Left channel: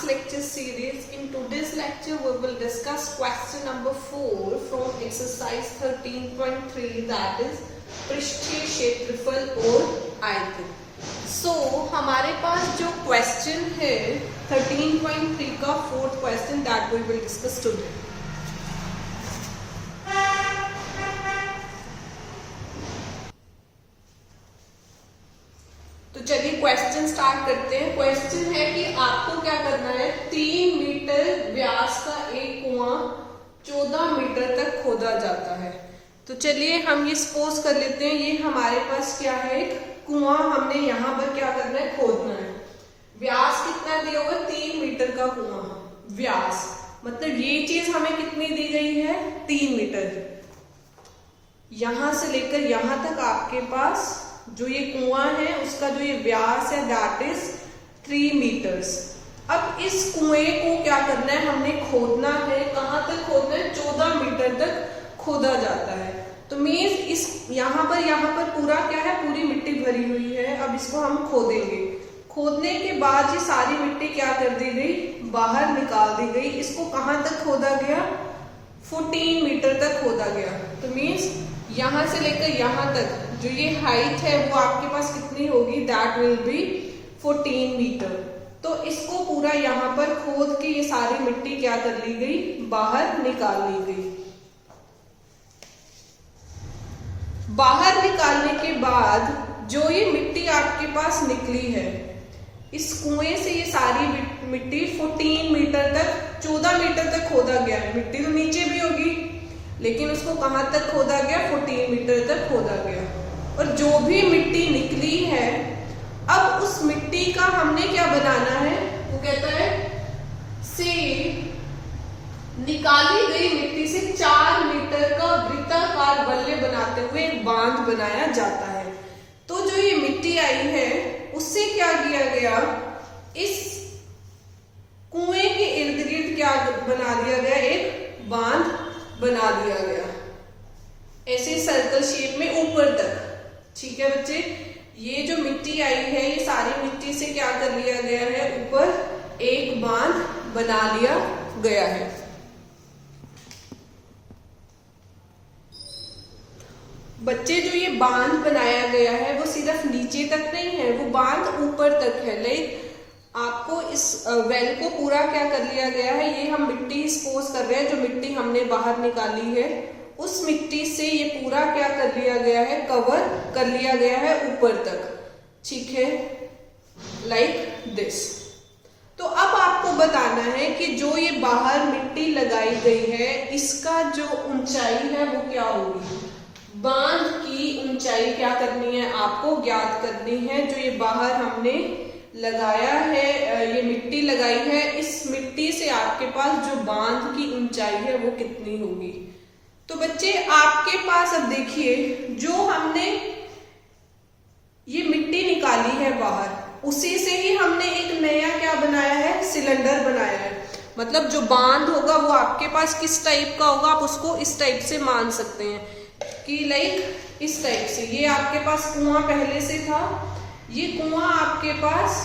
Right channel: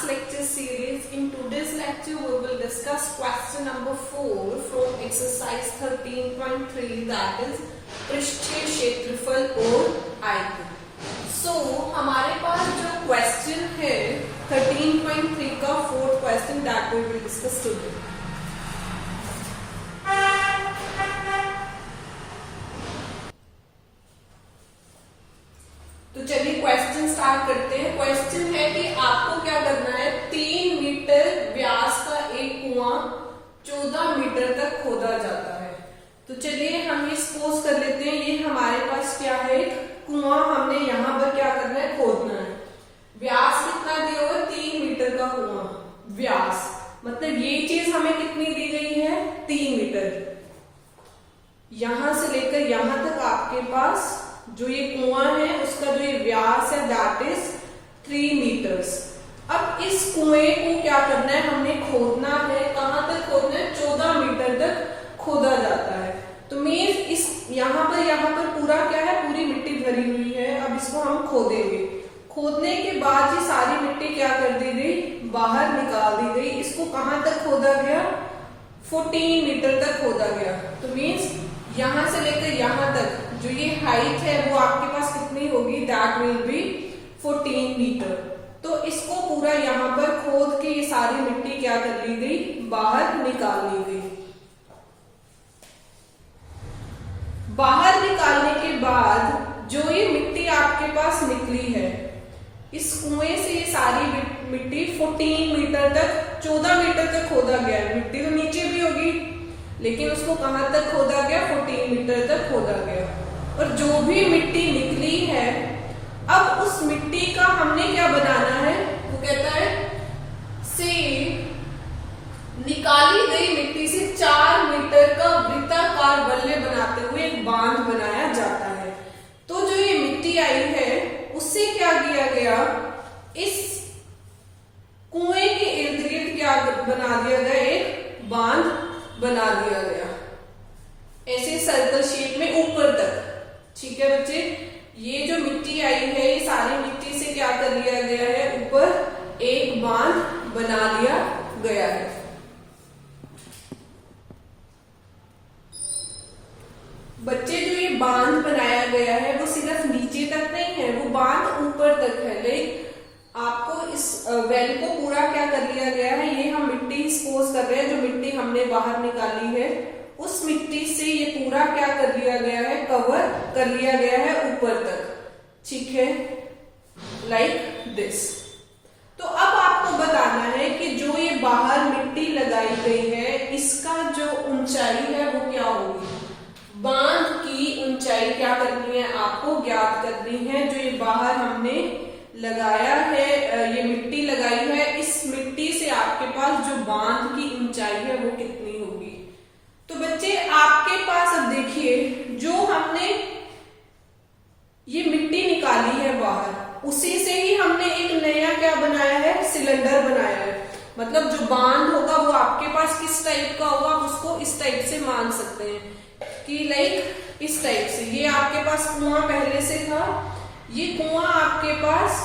maths lecture series. In today's lecture we will discuss question number 4 from exercise 13.3, that is पृष्ठीय क्षेत्रफल और आयतन. So हमारे पास जो क्वेश्चन है 13.3 का fourth question, that we will discuss today. तो चलिए क्वेश्चन स्टार्ट करते हैं. क्वेश्चन है कि आपको क्या करना है. 3 मीटर व्यास का एक कुआं 14 मीटर तक खोदा जाता है. तो चलिए हम ये सपोज कर लेते हैं, ये हमारे पास क्या है, एक कुआं हमने यहाँ पर क्या करना है, खोदना है. व्यास कितना दिया हुआ है, 3 मीटर का कुआं. व्यास मतलब ये चीज हमें कितनी दी गई है, 3 मीटर. यहां से लेकर यहां तक आपके पास जो ये कुआं है उसका जो ये व्यास है दैट इज 3 मीटर्स. अब इस कुएं को क्या करना है, हमने खोदना है. कहां तक खोदना है, 14 मीटर तक खोदा जाता है. तो मीन्स इस यहाँ पर पूरा क्या है, पूरी मिट्टी भरी हुई है. अब इसको हम खोदेंगे. खोदने के बाद ये सारी मिट्टी क्या कर दी गई, बाहर निकाल दी गई. इसको कहां तक खोदा गया, 14 मीटर तक खोदा गया. तो मीन्स यहां से लेकर यहां तक जो ये हाइट है वो आपके पास कितनी होगी, दैट विल बी 14 मीटर. तो इसको पूरा यहाँ पर खोद के ये सारी मिट्टी क्या कर ली गई, बाहर निकाल ली गई. बाहर निकालने के बाद जो ये मिट्टी आपके पास निकली है, इस कुएं से ये सारी मिट्टी 14 मीटर तक, 14 मीटर तक खोदा गया है. मिट्टी तो नीचे भी होगी लेकिन उसको कहां तक खोदा गया, 14 मीटर तक खोदा गया. और जो भी मिट्टी निकली है, अब उस मिट्टी का हमने क्या बनाना है, वो कहता है से निकाली गई मिट्टी से 4 मीटर का वृत्ताकार बल्ले बनाते हुए एक बांध बनाया जाता है. तो जो ये मिट्टी आई है उससे क्या किया गया, इस कुएं के इर्द गिर्द क्या बना दिया गया, एक बांध बना दिया गया ऐसे सर्कल शेप में ऊपर तक. ठीक है बच्चे, ये जो मिट्टी आई है ये सारी मिट्टी से क्या कर लिया गया है, ऊपर एक बांध बना दिया गया है. बच्चे जो ये बांध बनाया गया है वो सिर्फ नीचे तक नहीं है, वो बांध ऊपर तक है. लाइक आपको इस वेल को पूरा क्या कर लिया गया है, ये हम मिट्टी सपोज कर रहे हैं, जो मिट्टी हमने बाहर निकाली है उस मिट्टी से ये पूरा क्या कर लिया गया है, कवर कर लिया गया है ऊपर तक. ठीक है, लाइक दिस. तो अब आपको बताना है कि जो ये बाहर मिट्टी लगाई गई है इसका जो ऊंचाई है वो क्या होगी. बांध की ऊंचाई क्या करनी है, आपको ज्ञात करनी है. जो ये बाहर हमने लगाया है, ये मिट्टी लगाई है, इस मिट्टी से आपके पास जो बांध की ऊंचाई है वो कितनी होगी. तो बच्चे आपके पास अब देखिए, जो हमने ये मिट्टी निकाली है बाहर, उसी से ही हमने एक नया क्या बनाया है, सिलेंडर बनाया है. मतलब जो बांध होगा वो आपके पास किस टाइप का होगा, आप उसको इस टाइप से मान सकते हैं कि लाइक इस टाइप से. ये आपके पास कुआं पहले से था, ये कुआं आपके पास,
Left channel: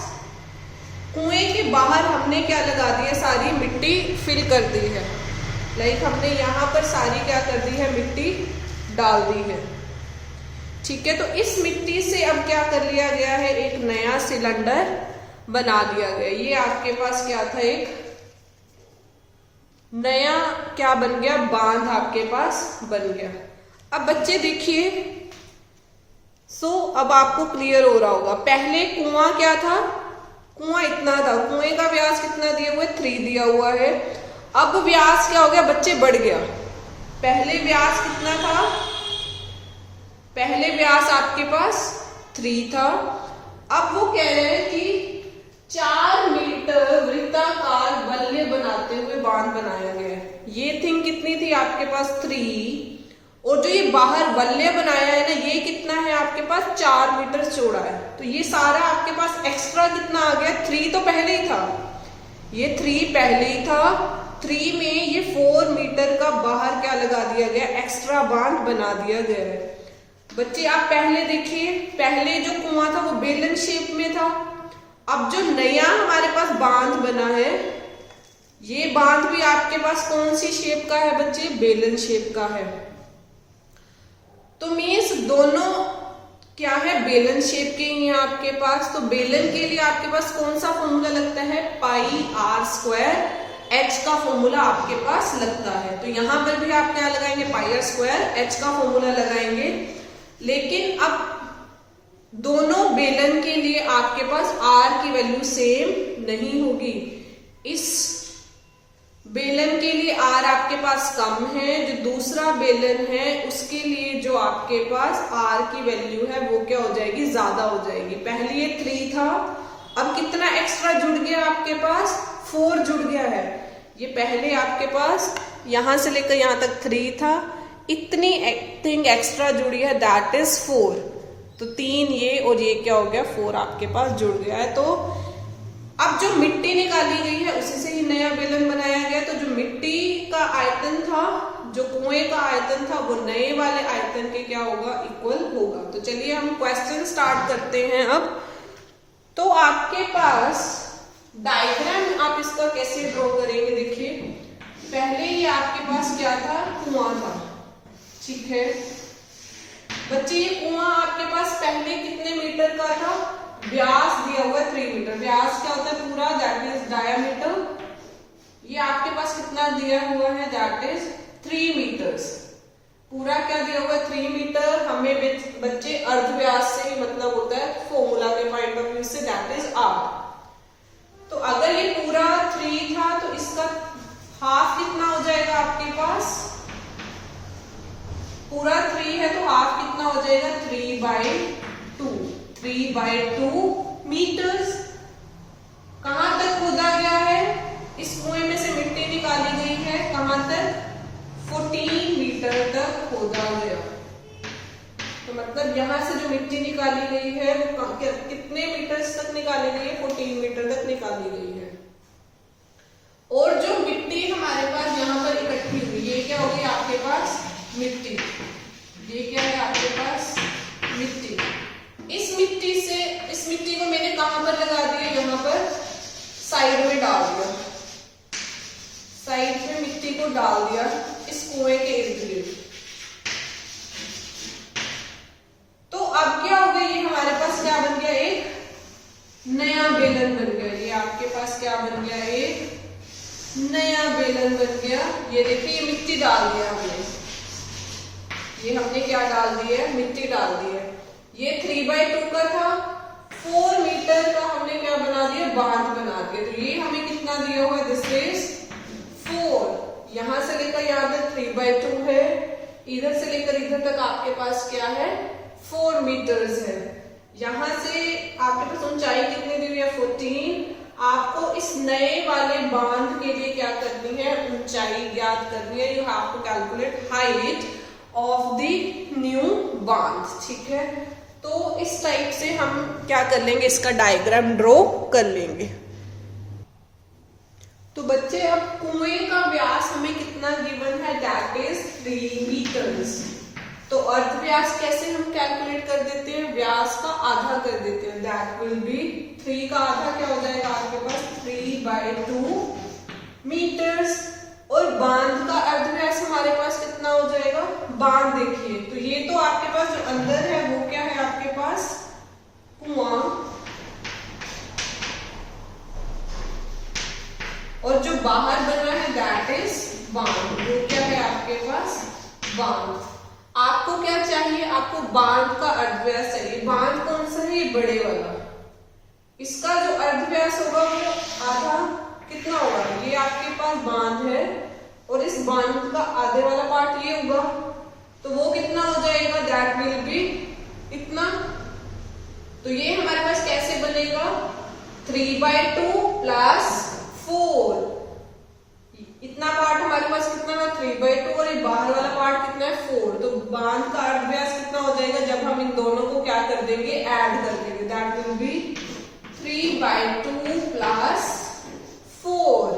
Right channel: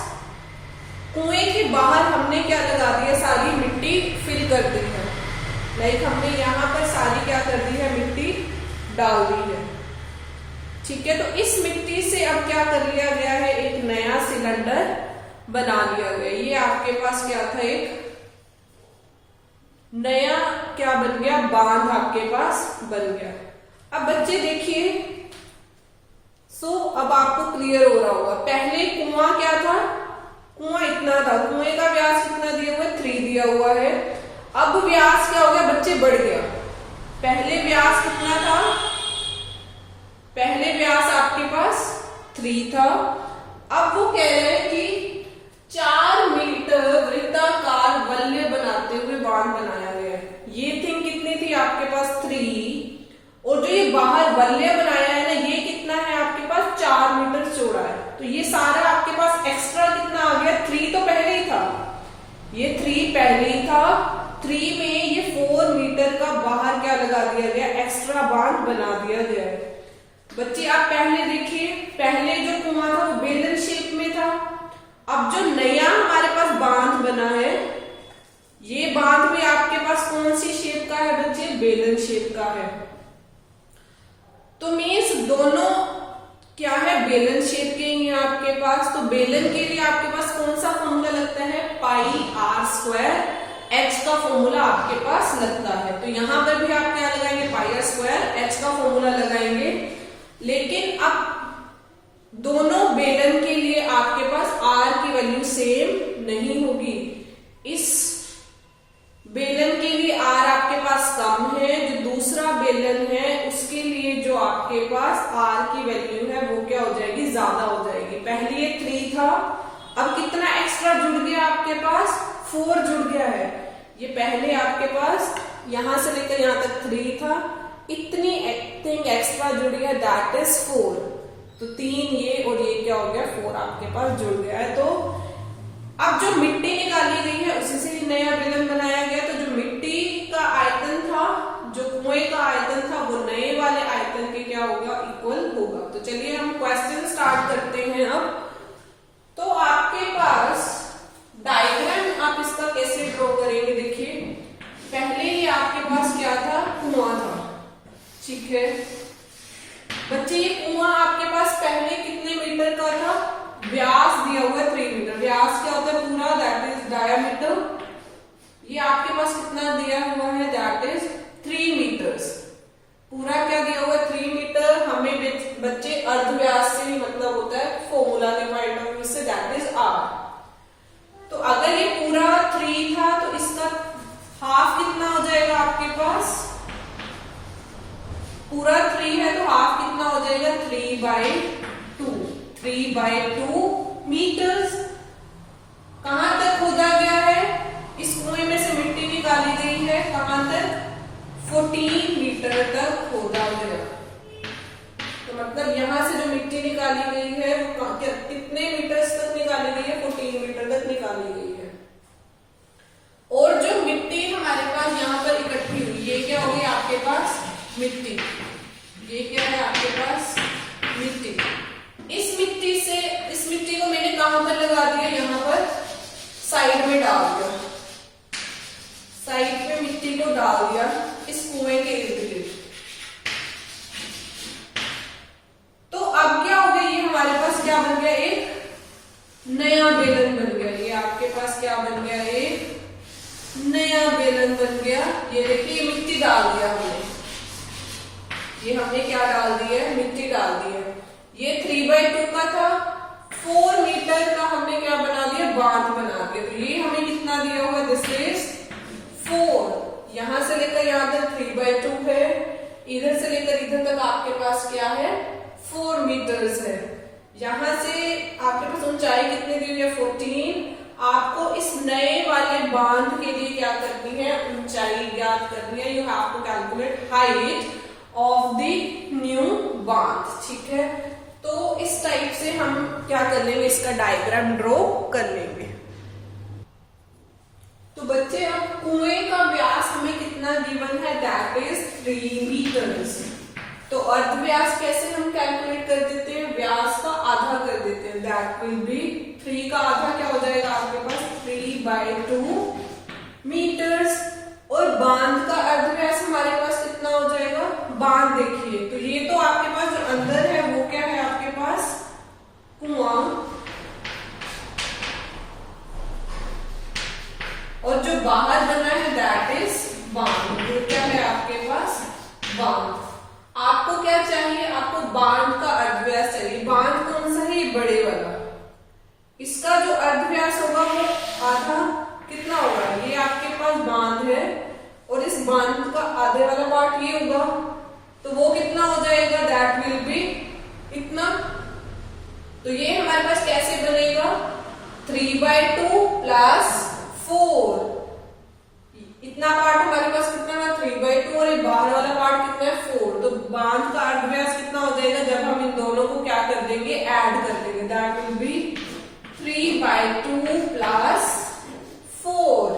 कुएं के बाहर हमने क्या लगा दिया, सारी मिट्टी फिल कर दी है. लाइक हमने यहाँ पर सारी क्या कर दी है, मिट्टी डाल दी है. ठीक है, तो इस मिट्टी से अब क्या कर लिया गया है, एक नया सिलेंडर बना दिया गया. ये आपके पास क्या था, एक नया क्या बन गया, बांध आपके पास बन गया. अब बच्चे देखिए, अब आपको क्लियर हो रहा होगा. पहले कुआं क्या था, कुआं इतना था, कुएं का व्यास कितना दिया हुआ है, 3 दिया हुआ है. अब व्यास क्या हो गया बच्चे, बढ़ गया. पहले व्यास कितना था, पहले व्यास आपके पास 3 था. अब वो कह रहे हैं कि 4 मीटर वृत्ताकार बल्ले बनाते हुए बांध बनाया गया है. ये थिंग कितनी थी आपके पास, 3. और जो ये बाहर बल्ले बनाया है ना, ये कितना है आपके पास, 4 मीटर चौड़ा है. तो ये सारा आपके पास एक्स्ट्रा कितना आ गया, 3 तो पहले ही था, ये 3 पहले ही था. 3 में ये 4 मीटर का बाहर क्या लगा दिया गया, एक्स्ट्रा बांध बना दिया गया है. बच्चे आप पहले देखिए, पहले जो कुआं था वो बेलन शेप में था. अब जो नया हमारे पास बांध बना है कौन सी शेप का है बच्चे? बेलन शेप का है। तो मीन्स दोनों क्या है? बेलन शेप के ही है आपके पास। तो बेलन के लिए आपके पास कौन सा फॉर्मूला लगता है? पाई आर स्क्वायर एच का फॉर्मूला आपके पास लगता है। तो यहां पर भी आप क्या लगाएंगे? पाई आर स्क्वायर एच का फॉर्मूला लगाएंगे। लेकिन अब दोनों बेलन के लिए आपके पास आर की वैल्यू सेम नहीं होगी। इस बेलन के लिए आर आपके पास कम है, जो दूसरा बेलन है उसके लिए जो आपके पास आर की वैल्यू है वो क्या हो जाएगी? ज्यादा हो जाएगी। पहले ये 3 था, अब कितना एक्स्ट्रा जुड़ गया आपके पास? 4 जुड़ गया है। ये पहले आपके पास यहां से लेकर यहां तक 3 था, इतनी थिंग एक्स्ट्रा जुड़ी है, दैट इज 4। तो 3 ये और ये क्या हो गया? 4 आपके पास जुड़ गया है। तो अब जो मिट्टी निकाली गई है उसी से ही नया बेलन बनाया गया। तो जो मिट्टी का आयतन था, जो कुएं का आयतन था, वो नए वाले आयतन के क्या होगा? इक्वल होगा। तो चलिए हम क्वेश्चन स्टार्ट करते हैं अब। तो आपके पास डायग्राम आप इसका कैसे ड्रॉ करेंगे? देखिए, पहले ही आपके पास क्या था? कुआं था, ठीक है बच्चे। ये कुआं आपके पास पहले कितने मीटर का था? व्यास दिया हुआ है 3 मीटर। व्यास क्या होता है? पूरा, दैट इज डायमीटर। ये आपके पास कितना दिया हुआ है? That is 3 metres. पूरा क्या दिया हुआ है? 3 मीटर। हमें बच्चे अर्धव्यास से ही मतलब होता है फॉर्मूला के पॉइंट ऑफ व्यू से, दैट इज आर। तो अगर ये पूरा 3 था तो इसका हाफ कितना हो जाएगा आपके पास? पूरा 3 है तो हाफ कितना हो जाएगा? 3/2। 3/2 मीटर्स। कहां तक खोदा गया है? इस कुएं में से मिट्टी निकाली गई है, कहां तक? 14 मीटर तक खोदा गया। तो मतलब यहां से जो मिट्टी निकाली गई है वो कितने मीटर्स तक निकाली गई है? 14 मीटर तक निकाली गई है। और जो मिट्टी हमारे पास यहां पर इकट्ठी हुई, ये क्या होगी आपके पास? मिट्टी। ये क्या है आपके पास? मिट्टी। इस मिट्टी को मैंने कहां पर लगा दिया? यहां पर साइड में डाल दिया। साइड में मिट्टी को डाल दिया इस कुएं के इर्द गिर्द। तो अब क्या हो गया? ये हमारे पास क्या बन गया? एक नया बेलन बन गया। ये आपके पास क्या बन गया? एक नया बेलन बन गया। ये देखिए, मिट्टी डाल दिया हमने। ये हमने क्या डाल दिया है? मिट्टी डाल दी है। ये 3/2 का था, 4 मीटर का हमने क्या बना दिया? बांध बना दिया। तो ये हमें कितना दिया हुआ? This is 4। यहां से लेकर यहां तक 3/2 है, इधर से लेकर इधर तक आपके पास क्या है? 4 मीटर्स है। यहां से आपके पास ऊंचाई कितनी दी हुई है? 14। आपको इस नए वाले बांध के लिए क्या करनी है? ऊंचाई ज्ञात करनी है। You have to calculate height of the new बांध, ठीक है। तो इस टाइप से हम क्या कर लेंगे? इसका डायग्राम ड्रॉ कर लेंगे। तो बच्चे अब कुएं का व्यास हमें कितना गिवन है? That is 3 metres. तो अर्धव्यास कैसे हम कैलकुलेट कर देते हैं? व्यास का आधा कर देते हैं, दैट विल बी 3 का आधा क्या हो जाएगा आपके पास? 3/2 मीटर्स। और बांध का अर्धव्यास हमारे पास कितना हो जाएगा? बांध देखिए, तो ये तो आपके पास जो अंदर है वो क्या है आपके पास? कुआं। और जो बाहर बना है दैट इज बांध। वो क्या है आपके पास? बांध। आपको क्या चाहिए? आपको बांध का अर्धव्यास चाहिए। बांध कौन सा है? बड़े वाला। इसका जो अर्धव्यास होगा वो आधा कितना होगा? ये आपके पास बांध है और इस बांध का आधे वाला पार्ट ये होगा, तो वो कितना हो जाएगा? दैट विल बी इतना। तो ये हमारे पास कैसे बनेगा? 3/2 प्लस 4। इतना पार्ट हमारे पास कितना है? 3/2 और ये बाहर वाला पार्ट कितना है? 4। तो बांध का अर्धव्यास कितना हो जाएगा जब हम इन दोनों को क्या कर देंगे? ऐड कर देंगे। That will be 3/2 plus 4।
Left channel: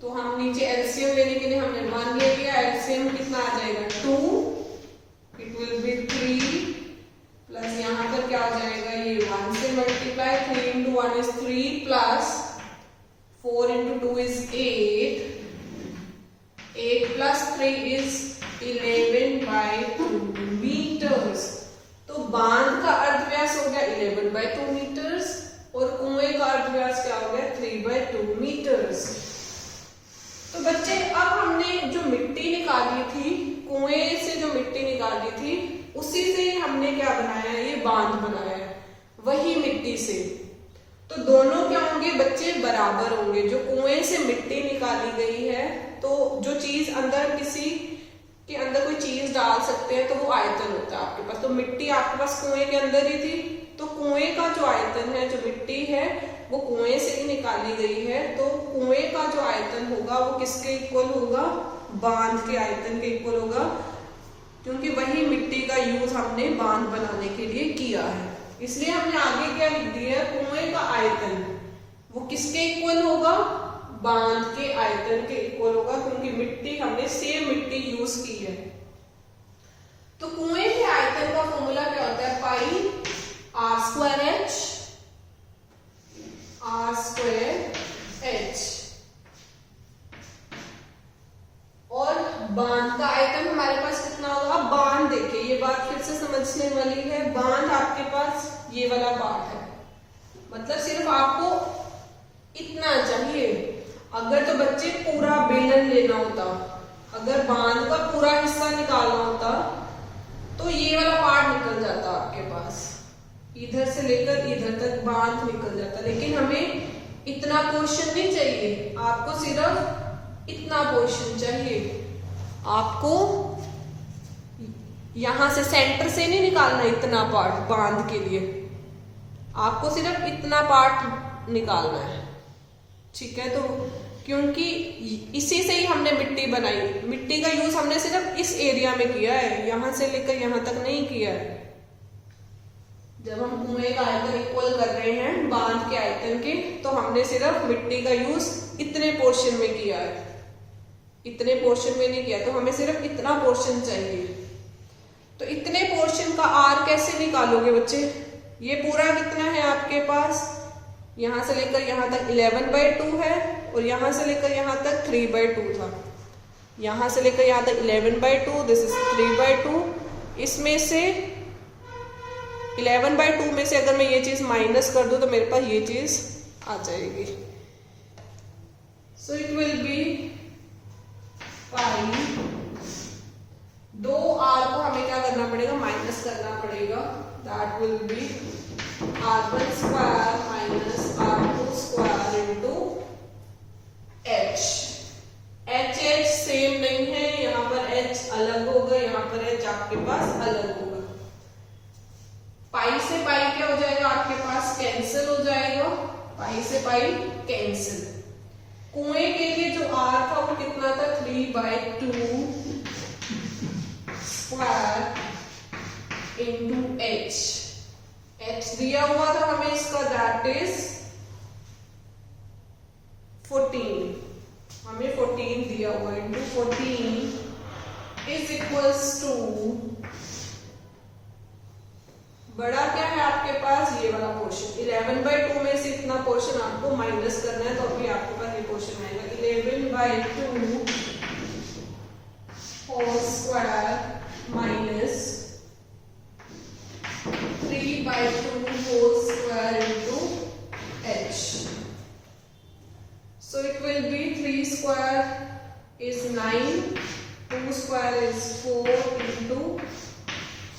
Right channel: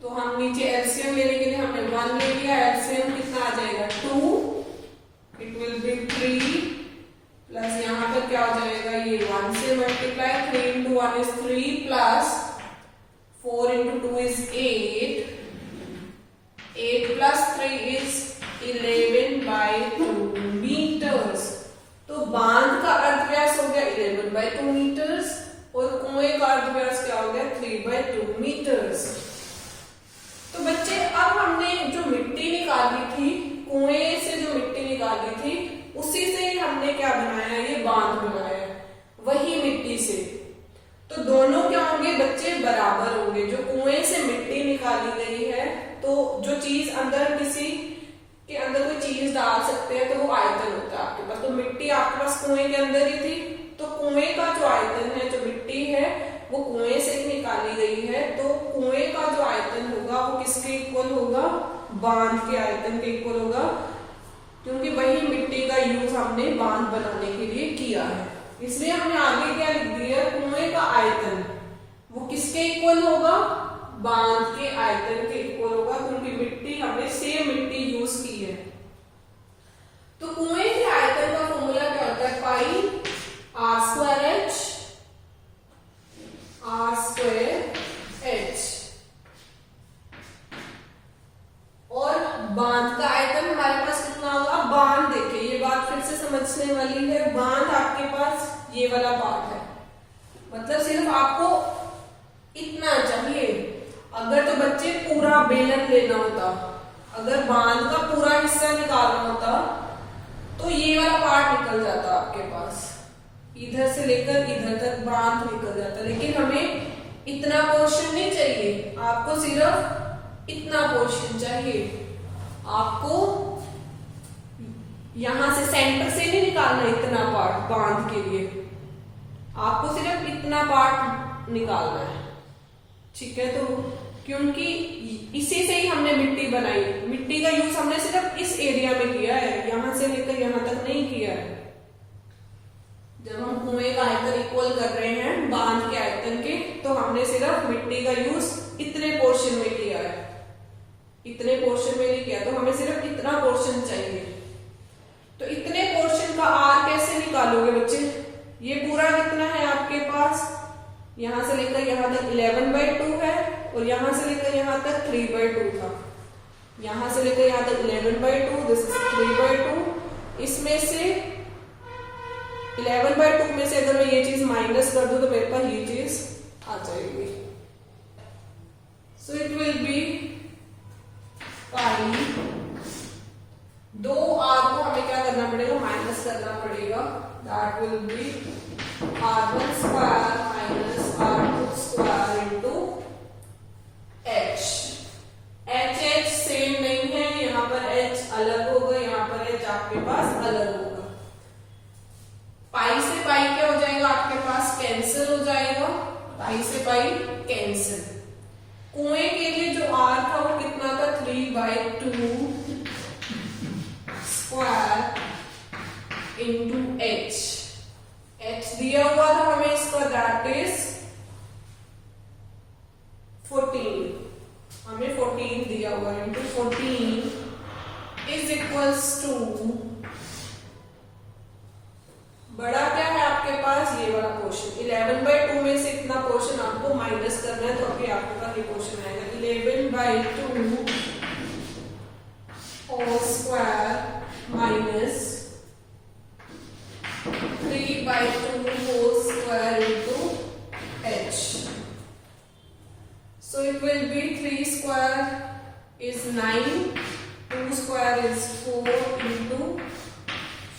तो हम नीचे एलसीएम लेने के लिए हमने 1 ले लिया। एलसीएम कितना आ जाएगा? 2। इट विल बी 3 प्लस यहां पर क्या हो जाएगा? ये 1 से multiply, 3 into 1 is 3 plus 4 into 2 is 8 से, तो दोनों क्या होंगे बच्चे, बराबर होंगे। जो कुएं से मिट्टी निकाली गई है, तो जो चीज अंदर, किसी के अंदर कोई चीज डाल सकते हैं तो वो आयतन होता है आपके पास। तो मिट्टी आपके पास कुएं के अंदर ही थी, तो कुएं का जो आयतन है, जो मिट्टी है वो कुएं से ही निकाली गई है, तो कुएं का जो आयतन होगा वो किसके इक्वल होगा, बांध के आयतन के इक्वल होगा, क्योंकि वही मिट्टी का यूज हमने बांध बनाने के लिए किया है। इसलिए हमने आगे क्या लिख दिया, कुएं का आयतन वो किसके इक्वल होगा, बांध के आयतन के इक्वल होगा, क्योंकि मिट्टी हमने सेम मिट्टी यूज की है। तो कुएं के आयतन का फॉर्मूला क्या होता है, pi R square H, R square H. और बांध का आयतन हमारे पास कितना होगा, बांध देखिए ये बात फिर से समझने वाली है, बांध आपके पास ये वाला पार्ट है, मतलब सिर्फ आपको इतना चाहिए। अगर तो बच्चे पूरा बेलन लेना होता, अगर बांध का पूरा हिस्सा निकालना होता तो ये वाला पार्ट निकल जाता आपके पास, इधर से लेकर इधर तक बांध निकल जाता, लेकिन हमें इतना पोर्शन नहीं चाहिए, आपको सिर्फ इतना पोर्शन चाहिए। आपको यहां से सेंटर से नहीं निकालना इतना पार्ट बांध के लिए, आपको सिर्फ इतना पार्ट निकालना है, ठीक है। तो क्योंकि इसी से ही हमने मिट्टी बनाई, मिट्टी का यूज हमने सिर्फ इस एरिया में किया है, यहां से लेकर यहां तक नहीं किया है। जब हम कुएं का आयतन इक्वल कर रहे हैं बांध के आयतन के, तो हमने सिर्फ मिट्टी का यूज इतने पोर्शन में किया है, इतने पोर्शन में नहीं किया, तो हमें सिर्फ इतना पोर्शन चाहिए। तो इतने पोर्शन का आर कैसे निकालोगे बच्चे, ये पूरा कितना है आपके पास, यहां से लेकर यहां तक 11/2 है, और यहां से लेकर यहां तक 3/2 था, यहां से लेकर यहां तक 11/2, दिस इज 3/2। इसमें से 11/2 में से अगर मैं ये चीज माइनस कर दूं तो मेरे पास ये चीज आ जाएगी। सो इट विल बी पाई, दो आर को हमें क्या करना पड़ेगा, माइनस करना पड़ेगा, that will be r1 square minus r2 square into h। h same नहीं है, यहाँ पर h अलग होगा, यहाँ पर h आपके पास अलग होगा। पाई से पाई क्या हो जाएगा आपके पास, कैंसिल हो जाएगा, पाई से पाई कैंसिल। कुएं के लिए जो r था वो कितना था, 3/2 स्क्वायर इनटू h। h दिया हुआ था हमें इसका, दैट इज 14, हमें 14 दिया हुआ, इनटू 14 इज इक्वल्स टू, बड़ा क्या है आपके पास, ये वाला पोर्शन 11/2 में से इतना पोर्शन आपको माइनस करना है, तो अभी आपके पास ये पोर्शन आएगा 11/2 whole square minus 3/2 whole square into h. So it will be 3 square is 9, 2 square is 4 into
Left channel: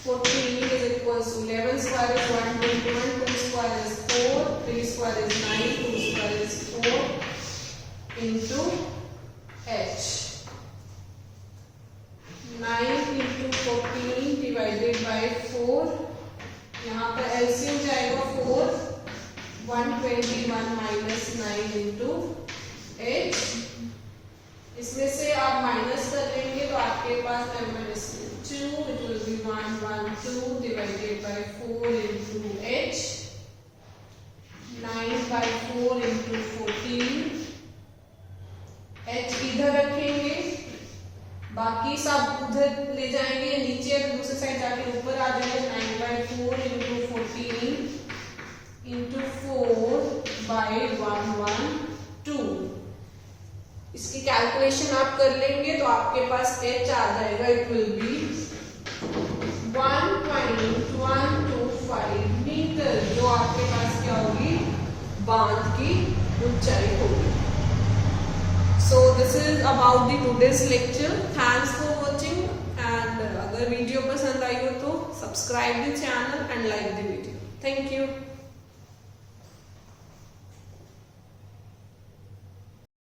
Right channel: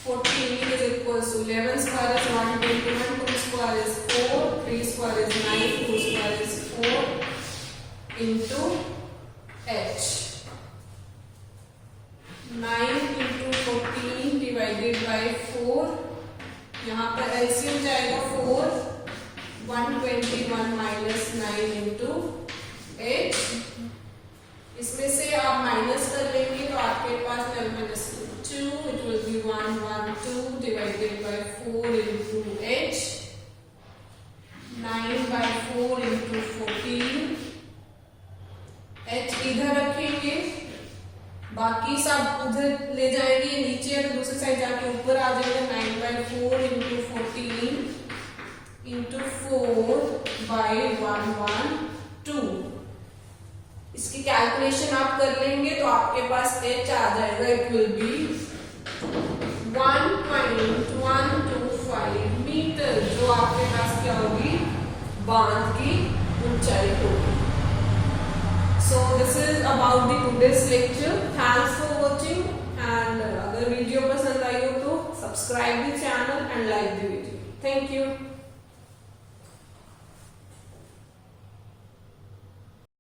14 is equals to 11 square is 121, 2 square is 4, 3 square is 9, 2 square is 4 into h. 9 into 14 divided by 4, यहाँ पर LCM जाएगा 4, 121 minus 9 into 8। इसमें से आप minus कर लेंगे तो आपके पास 2, it will be 112 divided by 4 into h, 9/4 into 14, h इधर रखेंगे, बाकी सब उधर ले जाएंगे, नीचे और दूसरी साइड जाके ऊपर आ जाएगा, 9/4 इंटू 14 इंटू 4/112। इसकी कैलकुलेशन आप कर लेंगे तो आपके पास h आ जाएगा, इट विल बी 1.125 मीटर, जो आपके पास क्या होगी, बांध की ऊंचाई होगी। So this is about the today's lecture. Thanks for watching, and अगर वीडियो पसंद आई हो तो subscribe the channel and like the video. Thank you.